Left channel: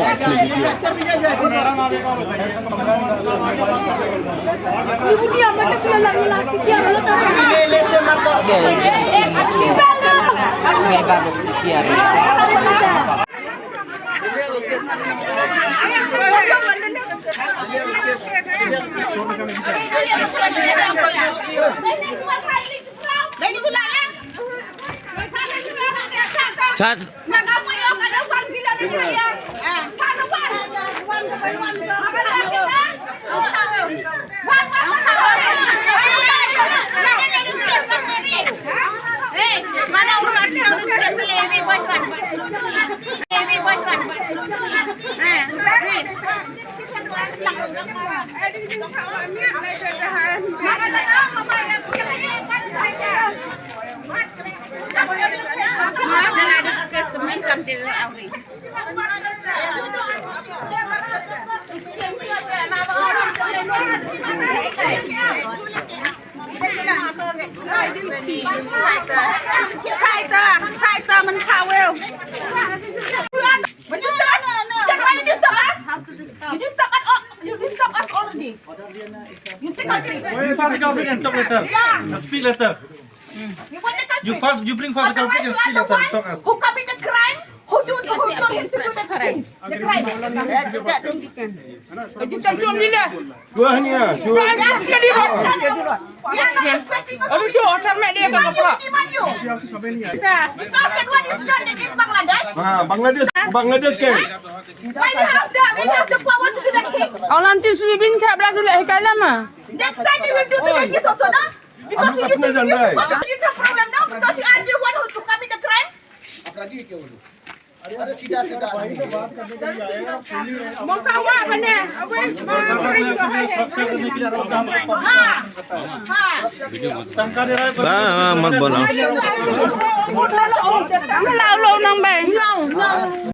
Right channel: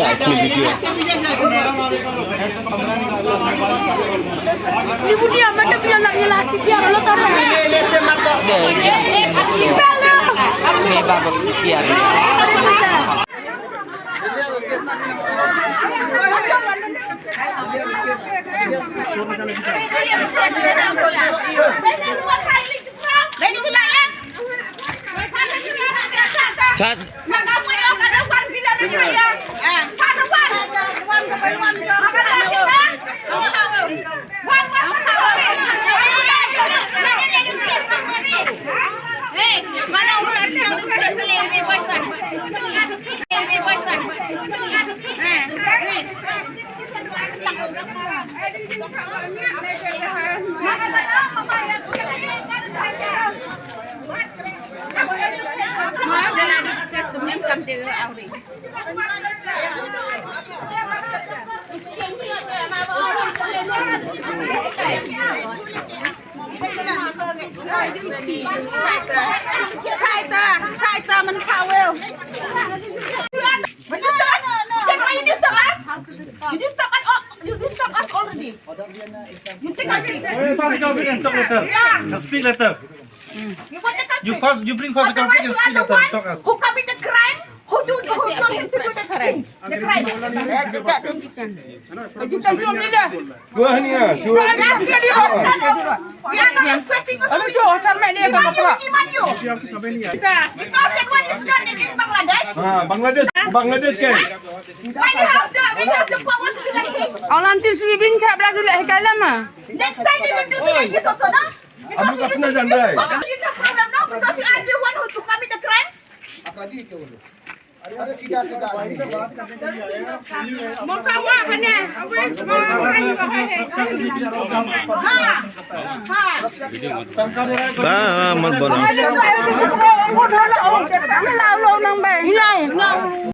Actually video. Ibu dia mata dia laki dia lo tahu. May bago tiyan. Chat. Speak letter. You bring first the and speak letter. Talk us. Who commit the crime? Who told him to do the things? The crime. Dua hanya. We are not expecting you to demand you. Because that one is not in Bangladesh. Bangladesh ke? Why we have the power to do that thing? Next time we will do to this also, no? Because you have problem now because you are the one who to commit the crime. अरे सीधा सीधा Mत बनाओ